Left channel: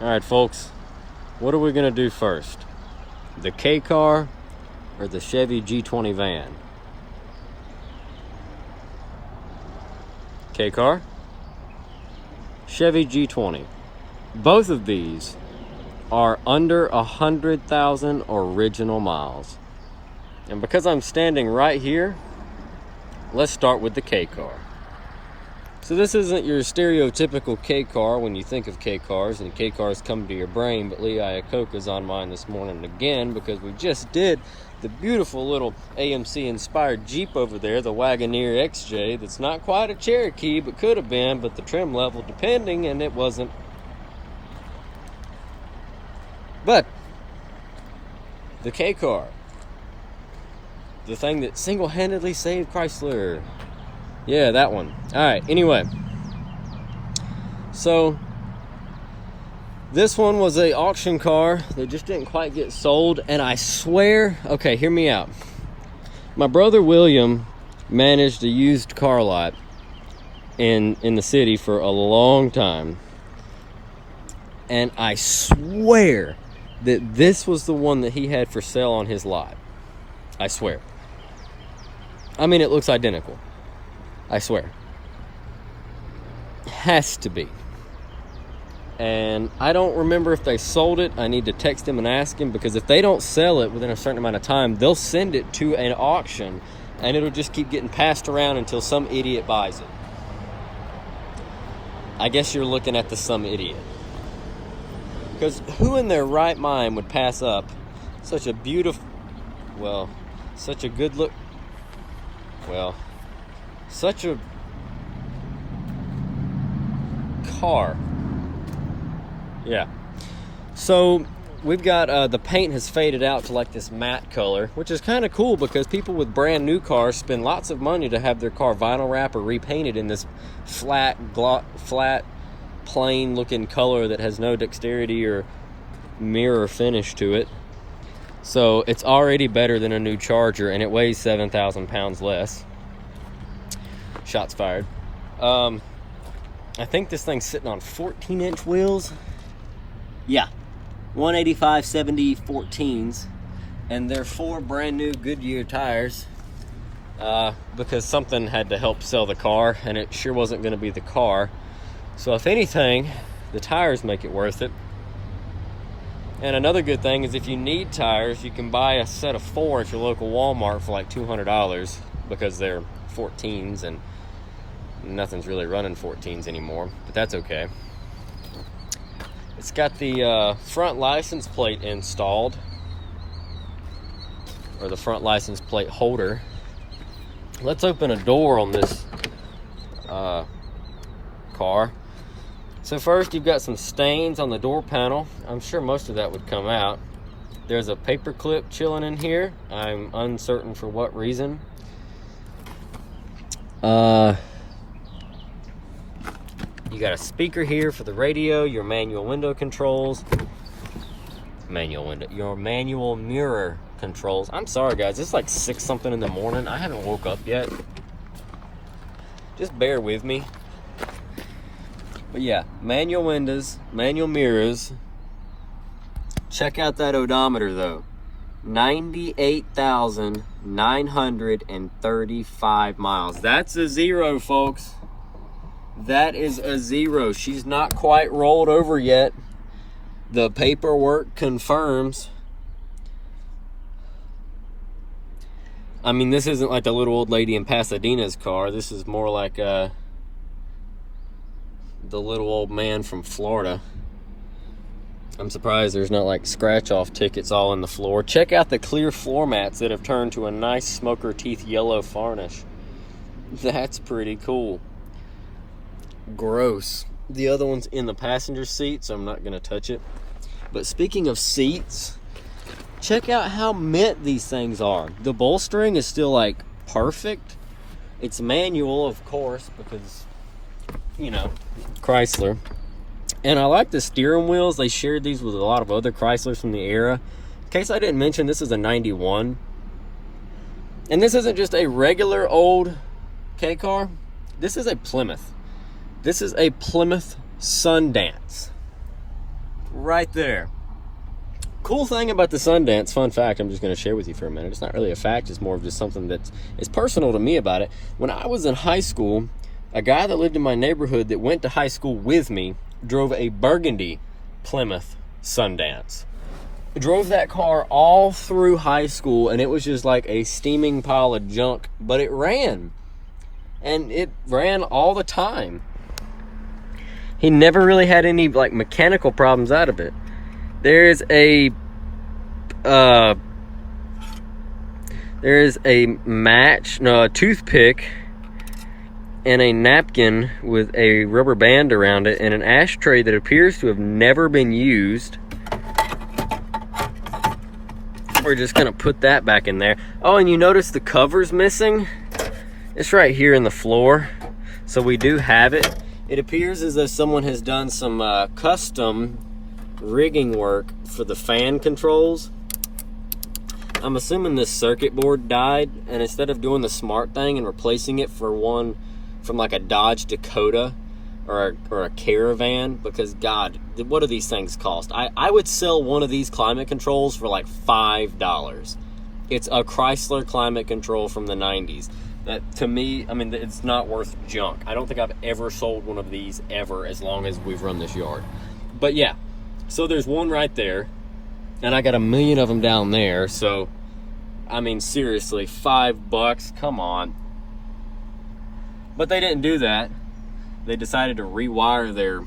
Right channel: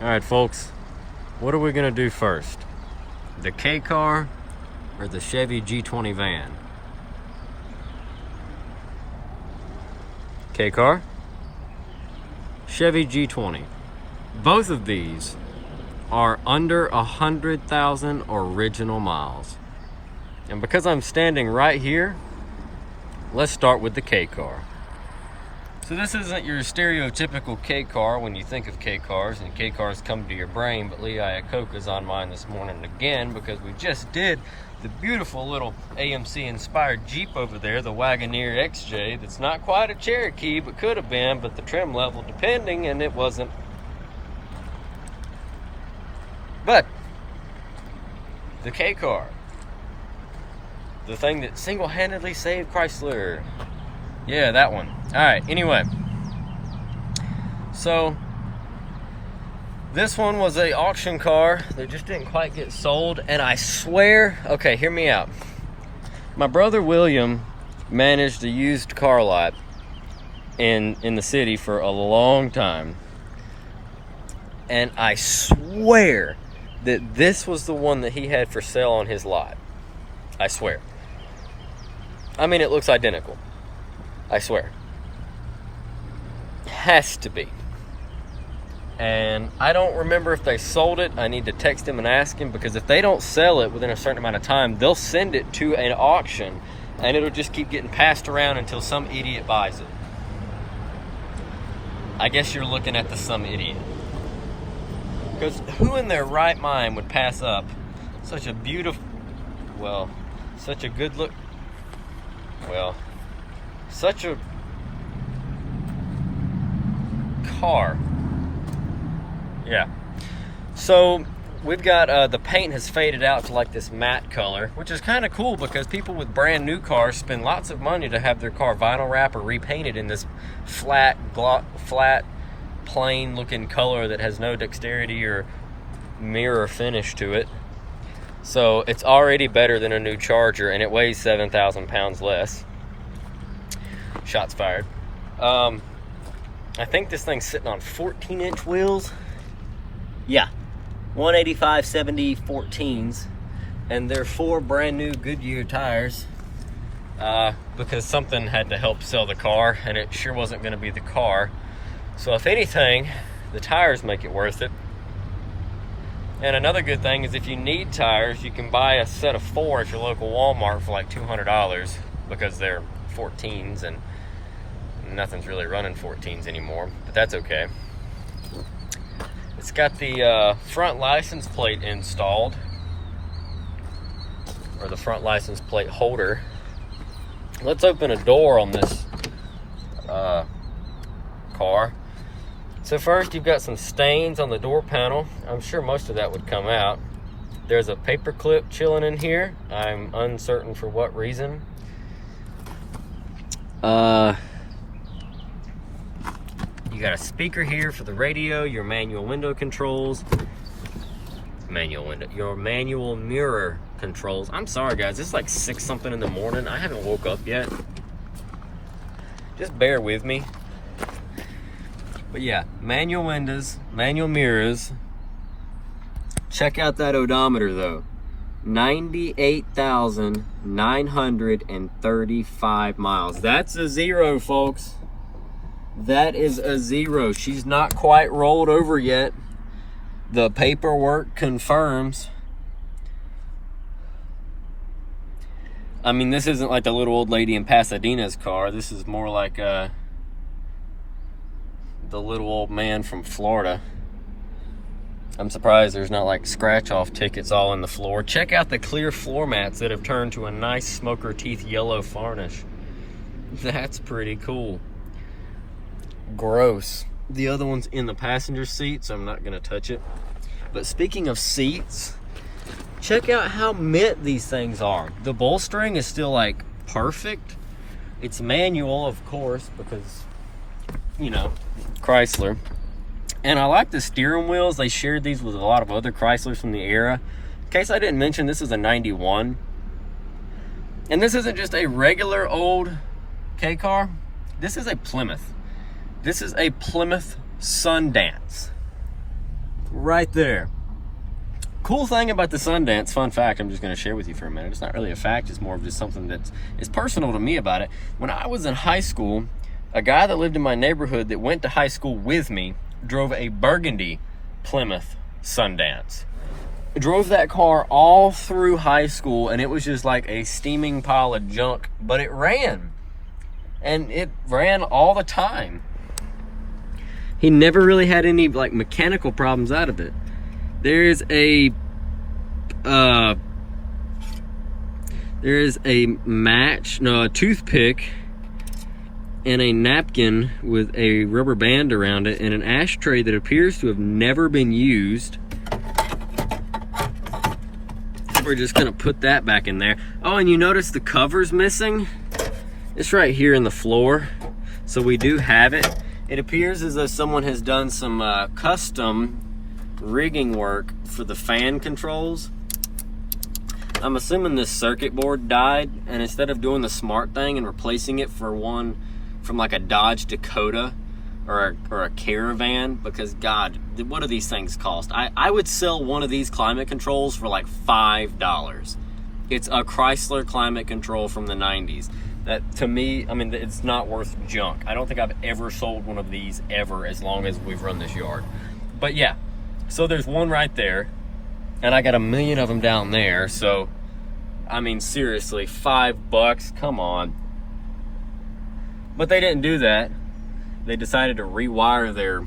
All right, folks, what are we gonna do first? The K car or the Chevy G20 van? K car, Chevy G20. Both of these are under 100,000 original miles. And because I'm standing right here, let's start with the K car. So this isn't your stereotypical K car when you think of K cars, and K cars come to your brain, but Lee Iacocca's on mine this morning again because we just did the beautiful little AMC inspired Jeep over there, the Wagoneer XJ, that's not quite a Cherokee, but could have been, but the trim level depending, and it wasn't. But the K car, the thing that single-handedly saved Chrysler. Yeah, that one. All right, anyway. So, this one was an auction car that just didn't quite get sold, and I swear, okay, hear me out. My brother William managed a used car lot in the city for a long time, and I swear that this was the one that he had for sale on his lot. I swear. I mean, it looks identical. I swear. It has to be. And I don't remember if they sold it. I need to text him and ask him, because if they don't sell it within a certain amount of time, they'll send it to an auction and it'll just keep getting passed around until some idiot buys it. I guess you're looking at the some idiot. Because who in their right mind would pass up such a beautiful, well, such a good look, well, such a car. Yeah. So we've got the paint has faded out to like this matte color, which is kind of cool because people with brand new cars spend lots of money to have their car vinyl wrap or repainted in this flat, plain looking color that has no dexterity or mirror finish to it. So it's already better than a new Charger, and it weighs 7,000 pounds less. Shots fired. I think this thing's sitting on 14-inch wheels. Yeah, 185/70 14s, and they're 4 brand new Goodyear tires because something had to help sell the car, and it sure wasn't going to be the car. So if anything, the tires make it worth it. And another good thing is if you need tires, you can buy a set of 4 at your local Walmart for like $200 because they're 14s, and nothing's really running 14s anymore, but that's okay. It's got the front license plate installed, or the front license plate holder. Let's open a door on this car. So first, you've got some stains on the door panel. I'm sure most of that would come out. There's a paper clip chilling in here. I'm uncertain for what reason. You got a speaker here for the radio, your manual window controls, your manual mirror controls. I'm sorry guys, it's like 6 something in the morning. I haven't woke up yet. Just bear with me. But yeah, manual windows, manual mirrors. Check out that odometer though. 98,935 miles. That's a 0, folks. That is a 0. She's not quite rolled over yet. The paperwork confirms. I mean, this isn't like the little old lady in Pasadena's car. This is more like the little old man from Florida. I'm surprised there's not like scratch-off tickets all on the floor. Check out the clear floor mats that have turned to a nice smoker teeth yellow varnish. That's pretty cool. Gross. The other one's in the passenger seat, so I'm not gonna touch it. But speaking of seats, check out how mint these things are. The bolstering is still like perfect. It's manual, of course, because, you know, Chrysler. And I like the steering wheels. They shared these with a lot of other Chryslers from the era. In case I didn't mention, this is a 91. And this isn't just a regular old K car. This is a Plymouth. This is a Plymouth Sundance. right there. Cool thing about the Sundance, fun fact I'm just going to share with you for a minute. It's not really a fact, it's more of just something that's personal to me about it. When I was in high school, a guy that lived in my neighborhood that went to high school with me drove a burgundy Plymouth Sundance. Drove that car all through high school, and it was just like a steaming pile of junk, but it ran. And it ran all the time. He never really had any like mechanical problems out of it. There's a a toothpick and a napkin with a rubber band around it and an ashtray that appears to have never been used. We're just gonna put that back in there. Oh, and you notice the cover's missing? It's right here in the floor. So we do have it. It appears as though someone has done some custom rigging work for the fan controls. I'm assuming this circuit board died, and instead of doing the smart thing and replacing it for one from like a Dodge Dakota or a Caravan, because God, what do these things cost? I would sell one of these climate controls for like $5. It's a Chrysler climate control from the 90s. That, to me, I mean, it's not worth junk. I don't think I've ever sold one of these ever as long as we've run this yard. But yeah, so there's one right there, and I got a million of them down there. So, I mean, seriously, $5, come on. But they didn't do that. They decided to rewire their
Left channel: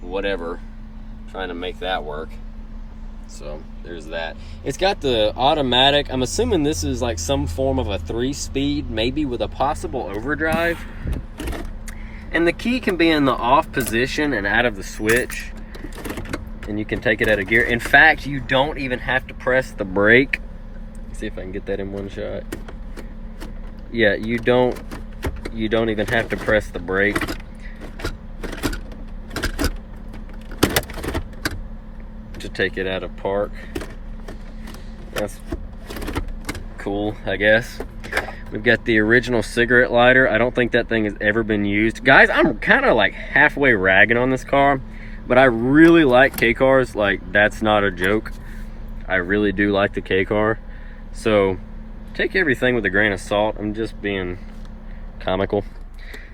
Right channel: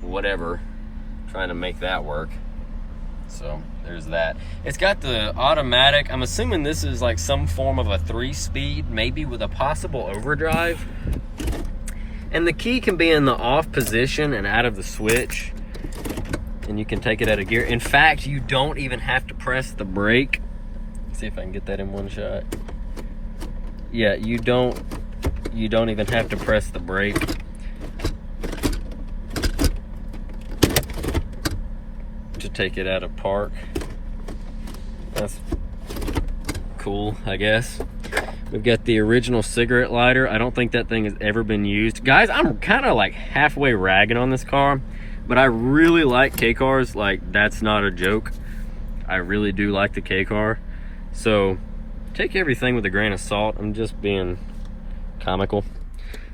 whatever, trying to make that work. So there's that. It's got the automatic. I'm assuming this is like some form of a 3-speed, maybe with a possible overdrive. And the key can be in the off position and out of the switch. And you can take it out of gear. In fact, you don't even have to press the brake. Let's see if I can get that in one shot. Yeah, you don't even have to press the brake. To take it out of park. That's cool, I guess. We've got the original cigarette lighter. I don't think that thing has ever been used. Guys, I'm kind of like halfway ragging on this car, but I really like K-cars. Like, that's not a joke. I really do like the K-car. So, take everything with a grain of salt. I'm just being comical.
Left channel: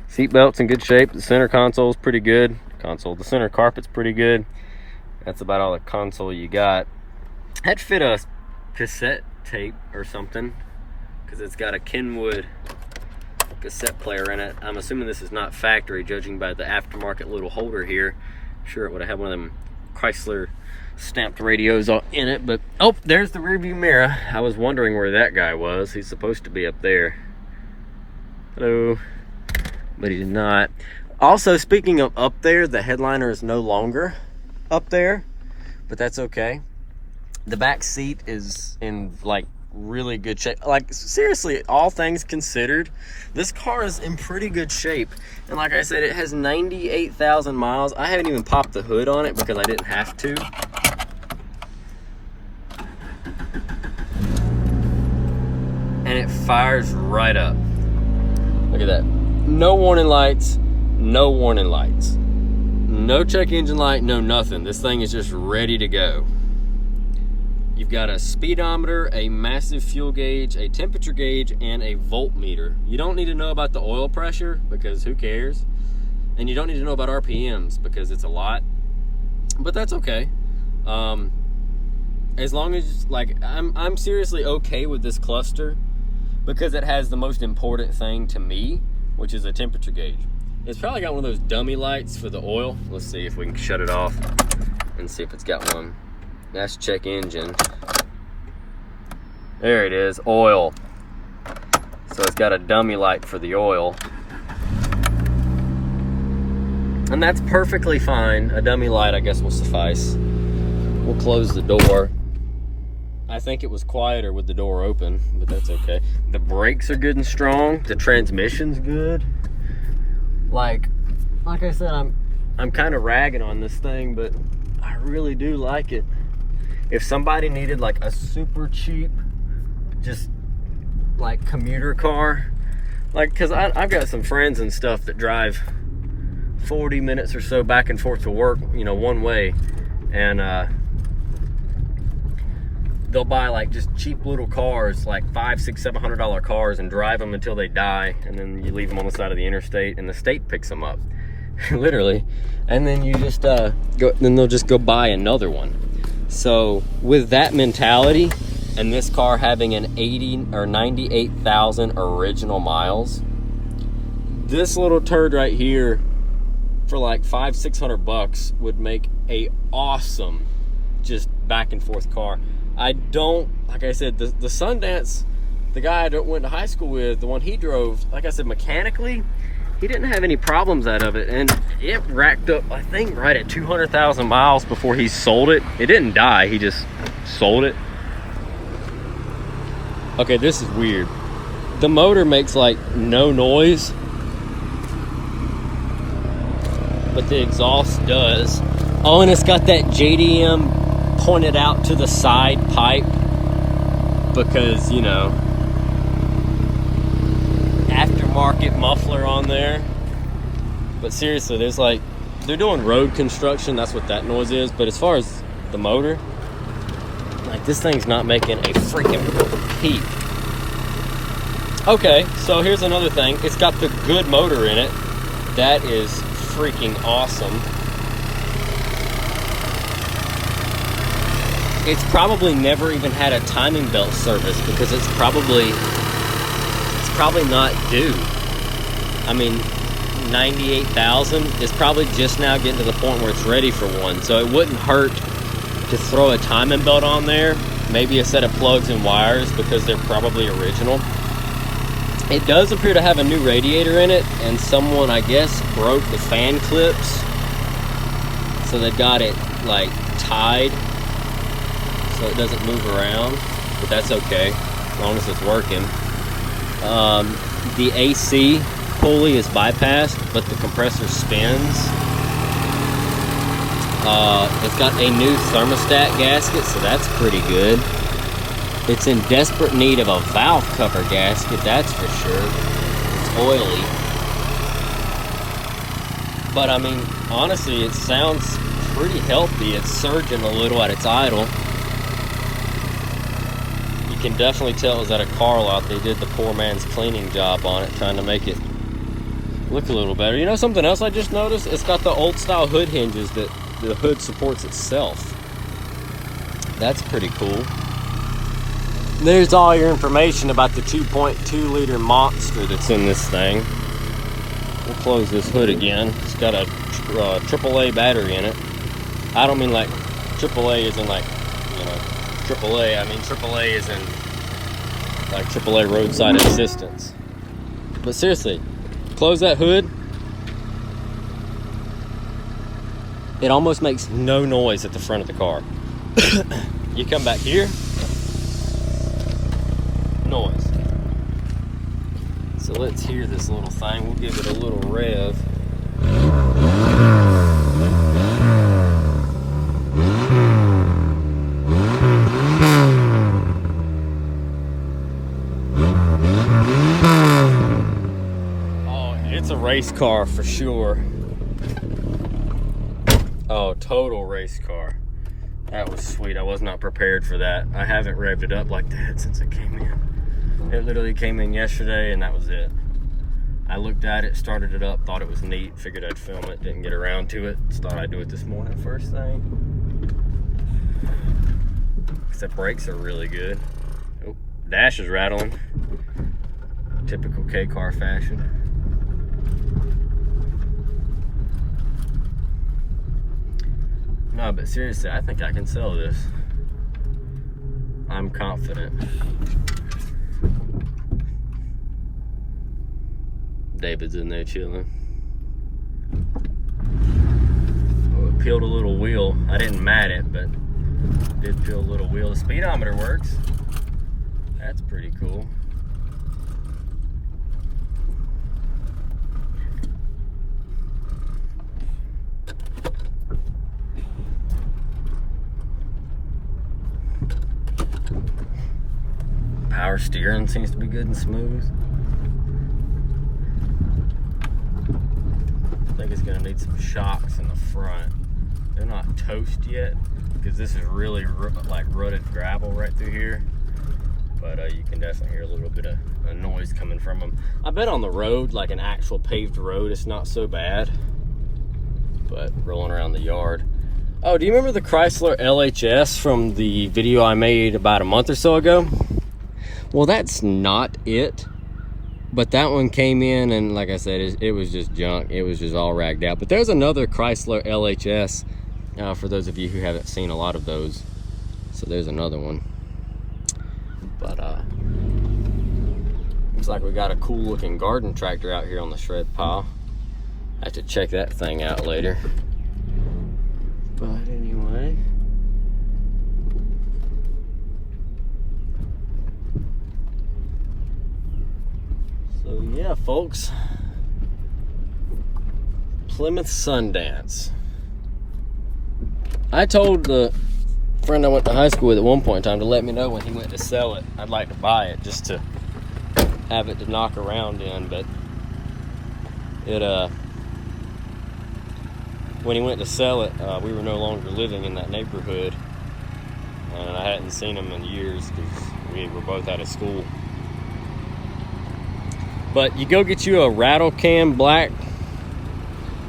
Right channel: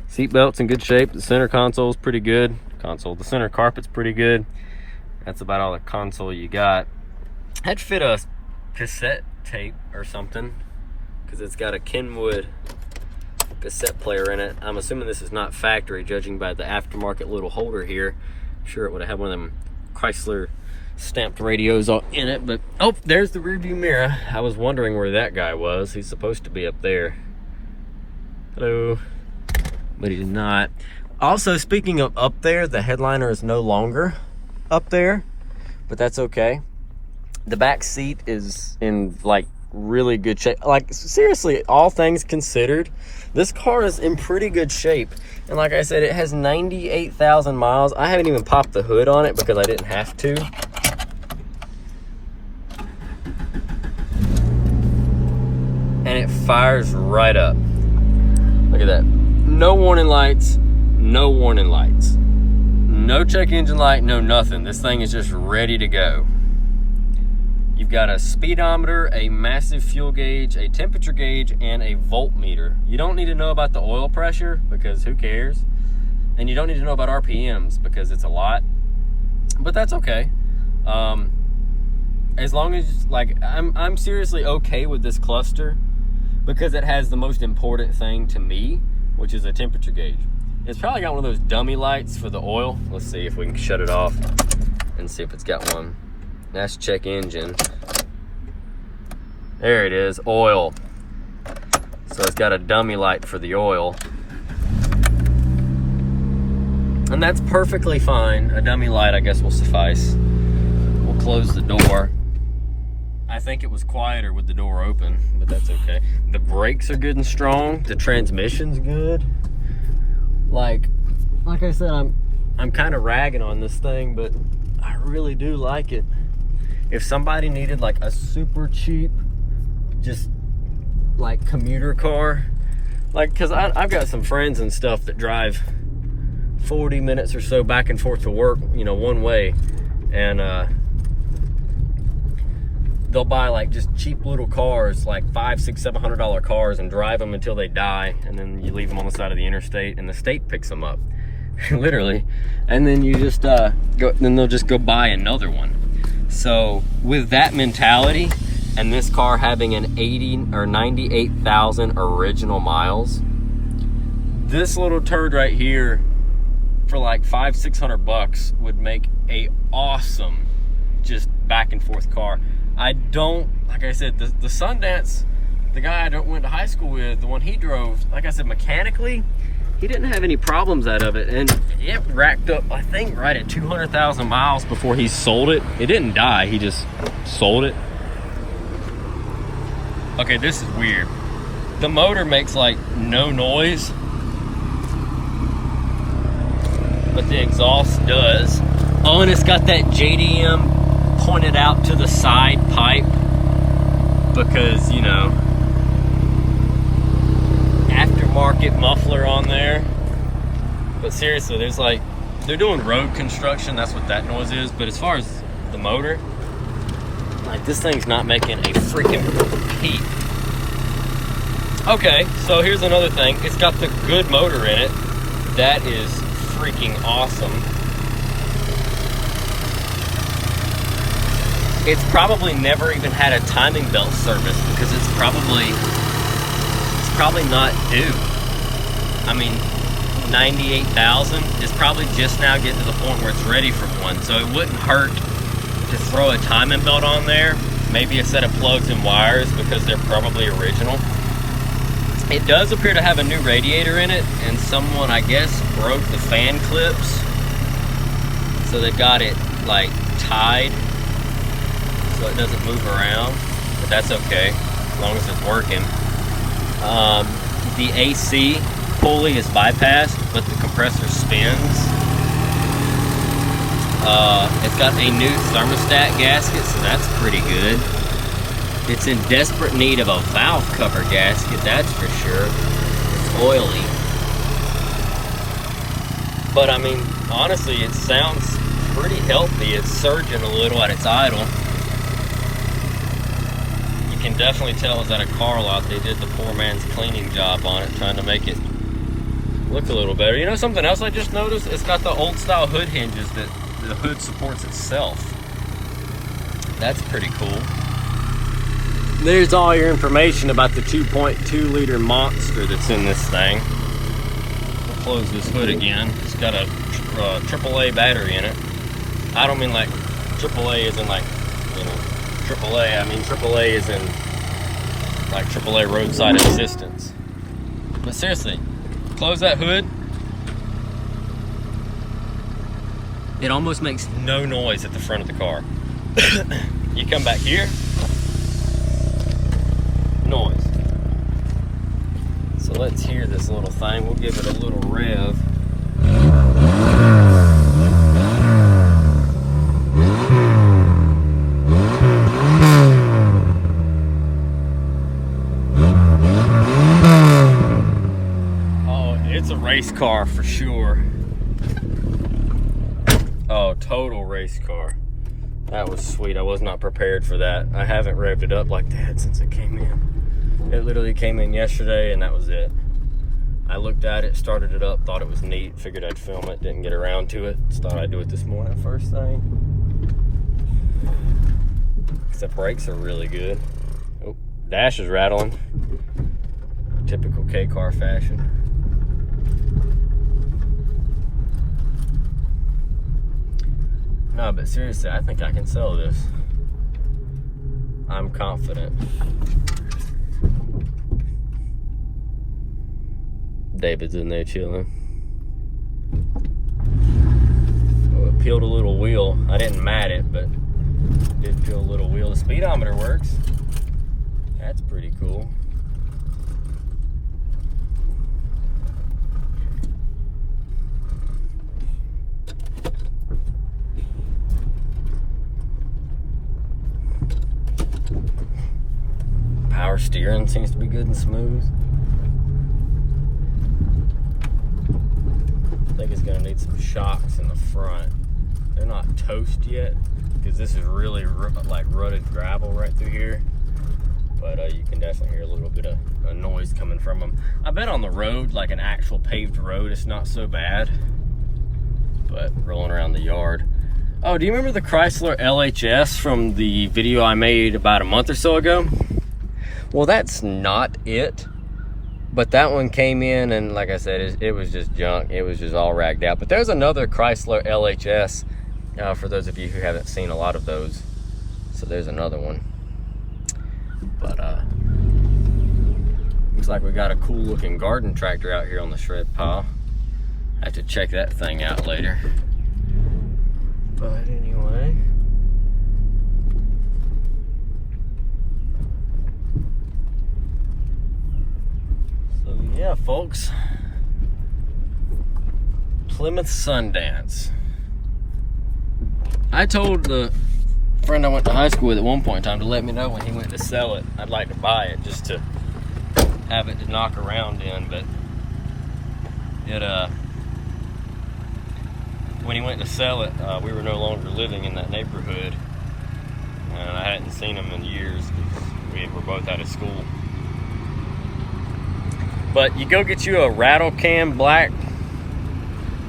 Seatbelt's in good shape. The center console's pretty good. The center carpet's pretty good. That's about all the console you got. I'd fit a cassette tape or something, because it's got a Kenwood cassette player in it. I'm assuming this is not factory, judging by the aftermarket little holder here. I'm sure it would have had one of them Chrysler stamped radios in it, but oh, there's the rearview mirror. I was wondering where that guy was. He's supposed to be up there. Hello. But he's not. Also, speaking of up there, the headliner is no longer up there, but that's okay. The back seat is in like really good shape. Like, seriously, all things considered, this car is in pretty good shape. And like I said, it has 98,000 miles. I haven't even popped the hood on it because I didn't have to. And it fires right up. Look at that. No warning lights, no warning lights. No check engine light, no nothing. This thing is just ready to go. You've got a speedometer, a massive fuel gauge, a temperature gauge, and a voltmeter. You don't need to know about the oil pressure because who cares? And you don't need to know about RPMs because it's a lot. But that's okay. As long as, like, I'm seriously okay with this cluster because it has the most important thing to me, which is a temperature gauge. It's probably got one of those dummy lights for the oil. Let's see if we can shut it off and see if it's got one. That's check engine. There it is, oil. So it's got a dummy light for the oil. And that's perfectly fine. A dummy light, I guess, will suffice. We'll close the door. I think it was quieter with the door open, but that's okay. The brakes are good and strong. The transmission's good. Like I said, I'm kind of ragging on this thing, but I really do like it. If somebody needed like a super cheap, just like commuter car, like, because I've got some friends and stuff that drive 40 minutes or so back and forth to work, you know, one way, and they'll buy like just cheap little cars, like $500, $600, $700 cars, and drive them until they die, and then you leave them on the side of the interstate, and the state picks them up, literally, and then you just then they'll just go buy another one. So with that mentality, and this car having an 80 or 98,000 original miles, this little turd right here for like $500-600 would make a awesome just back and forth car. I don't, like I said, the Sundance, the guy I went to high school with, the one he drove, like I said, mechanically, he didn't have any problems out of it, and it racked up, I think, right at 200,000 miles before he sold it. It didn't die, he just sold it. Okay, this is weird. The motor makes like no noise, but the exhaust does. Oh, and it's got that JDM pointed out to the side pipe because, you know, aftermarket muffler on there. But seriously, there's like, they're doing road construction, that's what that noise is. But as far as the motor, like, this thing's not making a freaking peep. Okay, so here's another thing. It's got the good motor in it. That is freaking awesome. It's probably never even had a timing belt service because it's probably not due. I mean, 98,000 is probably just now getting to the point where it's ready for one. So it wouldn't hurt to throw a timing belt on there, maybe a set of plugs and wires because they're probably original. It does appear to have a new radiator in it, and someone, I guess, broke the fan clips. So they got it like tied so it doesn't move around, but that's okay as long as it's working. The AC pulley is bypassed, but the compressor spins. It's got a new thermostat gasket, so that's pretty good. It's in desperate need of a valve cover gasket, that's for sure. It's oily. But I mean, honestly, it sounds pretty healthy. It's surging a little at its idle. You can definitely tell it was at a car lot. They did the poor man's cleaning job on it, trying to make it look a little better. You know something else I just noticed? It's got the old style hood hinges that the hood supports itself. That's pretty cool. There's all your information about the 2.2 liter monster that's in this thing. I'll close this hood again. It's got a AAA battery in it. I don't mean like AAA is in like, AAA. I mean AAA is in like AAA roadside assistance. But seriously, close that hood. It almost makes no noise at the front of the car. You come back here, noise. So let's hear this little thing. We'll give it a little rev. Oh, it's a race car for sure. Oh, total race car. That was sweet. I was not prepared for that. I haven't revved it up like that since it came in. It literally came in yesterday and that was it. I looked at it, started it up, thought it was neat, figured I'd film it, didn't get around to it. Just thought I'd do it this morning first thing. Except brakes are really good. Oh, dash is rattling. Typical K-car fashion. No, but seriously, I think I can sell this. I'm confident. David's in there chilling. Oh, it peeled a little wheel. I didn't mat it, but it did peel a little wheel. The speedometer works. That's pretty cool. Power steering seems to be good and smooth. I think it's gonna need some shocks in the front. They're not toast yet because this is really like rutted gravel right through here. But you can definitely hear a little bit of a noise coming from them. I bet on the road, like an actual paved road, it's not so bad. But rolling around the yard. Oh, do you remember the Chrysler LHS from the video I made about a month or so ago? Well, that's not it. But that one came in, and like I said, it was just junk. It was just all ragged out. But there's another Chrysler LHS for those of you who haven't seen a lot of those. So there's another one. But looks like we got a cool looking garden tractor out here on the shred pile. I have to check that thing out later. But anyway. So yeah, folks. Plymouth Sundance. I told the friend I went to high school with at one point in time to let me know when he went to sell it. I'd like to buy it just to have it to knock around in, but it when he went to sell it, we were no longer living in that neighborhood, and I hadn't seen him in years because we were both out of school. But you go get you a rattle can black,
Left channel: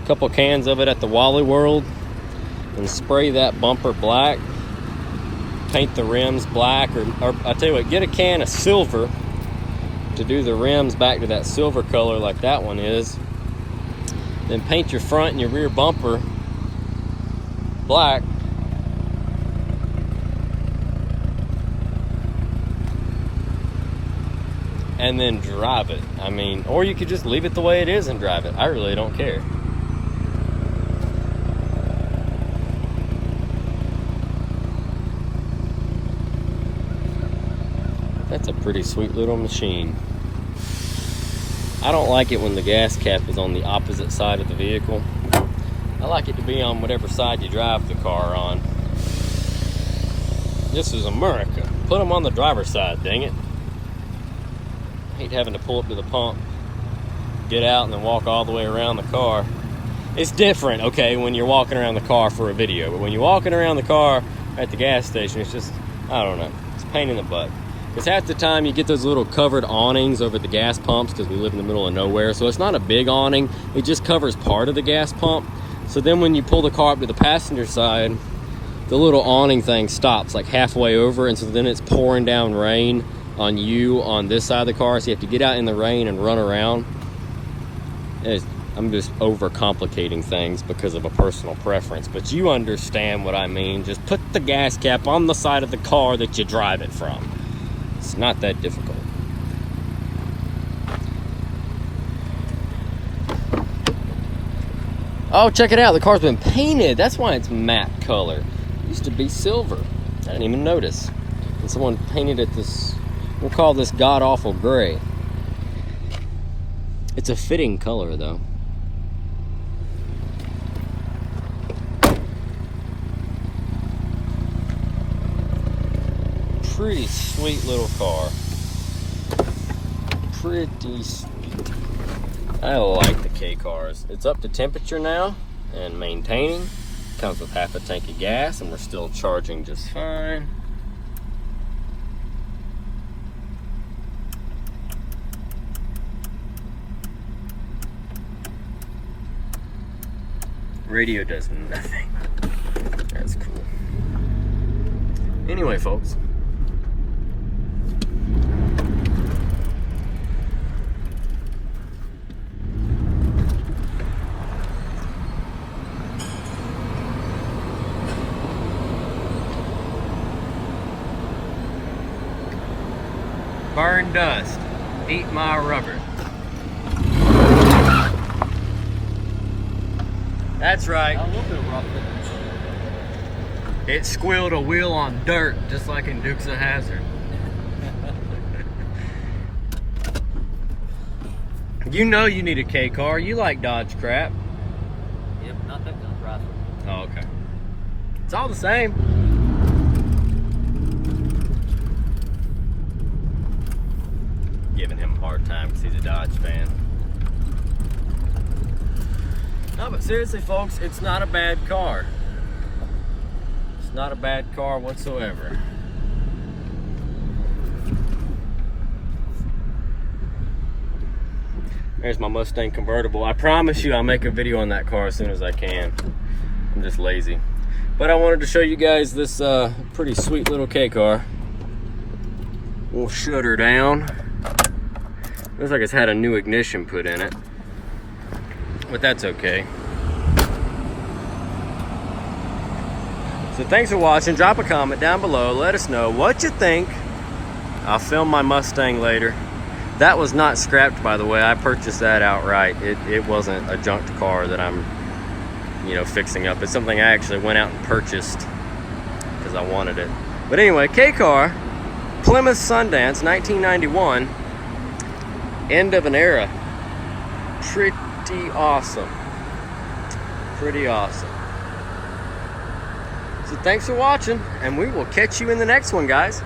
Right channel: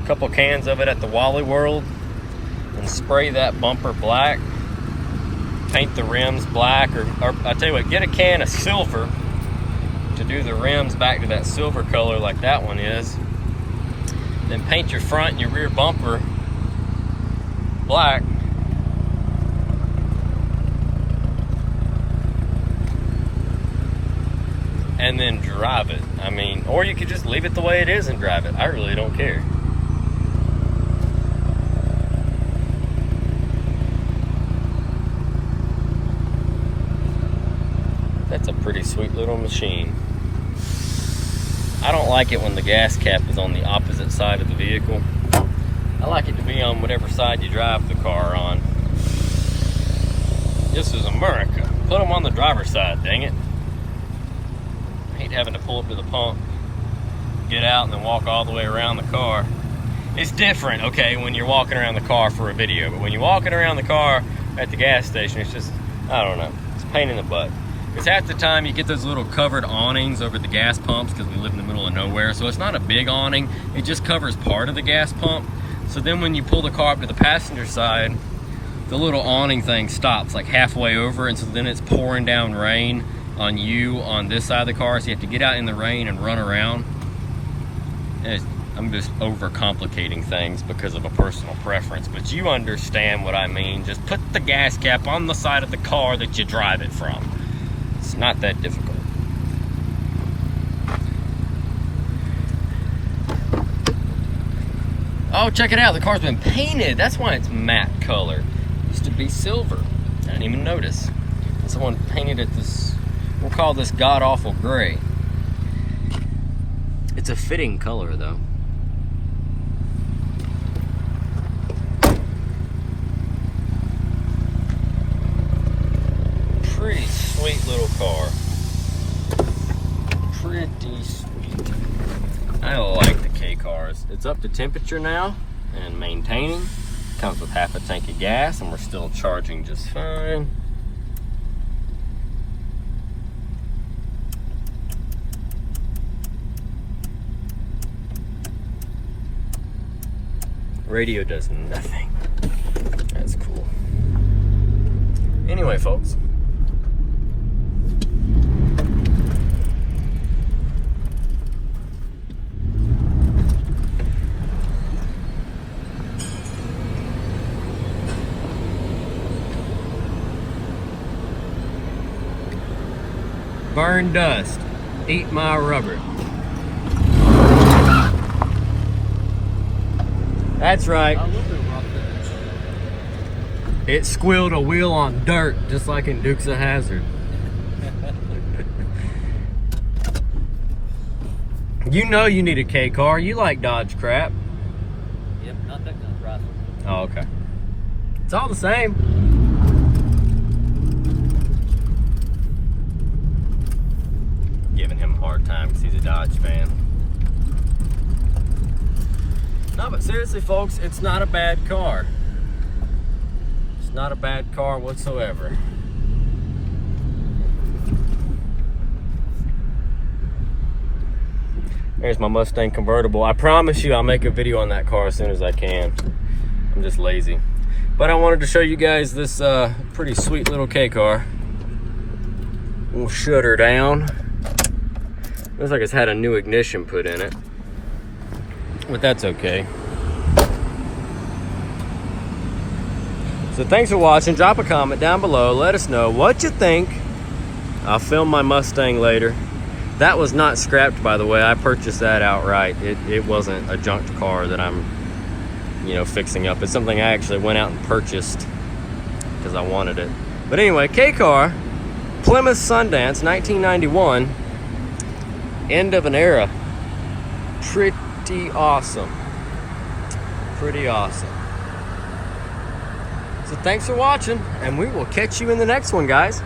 a couple cans of it at the Wally World, and spray that bumper black. Paint the rims black, or I tell you what, get a can of silver to do the rims back to that silver color like that one is. Then paint your front and your rear bumper black. And then drive it. I mean, or you could just leave it the way it is and drive it. I really don't care. Sweet little machine. I don't like it when the gas cap is on the opposite side of the vehicle. I like it to be on whatever side you drive the car on. This is America. Put them on the driver's side, dang it. I hate having to pull up to the pump, get out, and then walk all the way around the car. It's different, okay, when you're walking around the car for a video, but when you're walking around the car at the gas station, it's just, I don't know, it's a pain in the butt. It's half the time you get those little covered awnings over the gas pumps because we live in the middle of nowhere. So it's not a big awning. It just covers part of the gas pump. So then when you pull the car up to the passenger side, the little awning thing stops like halfway over. And so then it's pouring down rain on you on this side of the car. So you have to get out in the rain and run around. I'm just overcomplicating things because of a personal preference. But you understand what I mean. Just put the gas cap on the side of the car that you drive it from. It's not that difficult. Oh, check it out. The car's been painted. That's why it's matte color. It used to be silver. I didn't even notice. And someone painted it this, we'll call this god-awful gray. It's a fitting color, though. Pretty sweet little car. Pretty sweet. I like the K cars. It's up to temperature now and maintaining. Comes with half a tank of gas and we're still charging just fine. Radio does nothing. That's cool. Anyway, folks. Burn dust. Eat my rubber. That's right. It squealed a wheel on dirt, just like in Dukes of Hazzard. You know you need a K car. You like Dodge crap. Yeah, but not that kind of Chrysler. Oh, okay. It's all the same. Giving him a hard time because he's a Dodge fan. No, but seriously, folks, it's not a bad car. Not a bad car whatsoever. There's my Mustang convertible. I promise you I'll make a video on that car as soon as I can. I'm just lazy. But I wanted to show you guys this pretty sweet little K car. We'll shut her down. Looks like it's had a new ignition put in it. But that's okay. So thanks for watching. Drop a comment down below. Let us know what you think. I'll film my Mustang later. That was not scrapped, by the way. I purchased that outright. It wasn't a junked car that I'm, fixing up. It's something I actually went out and purchased because I wanted it. But anyway, K-car, Plymouth Sundance, 1991. End of an era. Pretty awesome. Pretty awesome. So thanks for watching, and we will catch you in the next one, guys.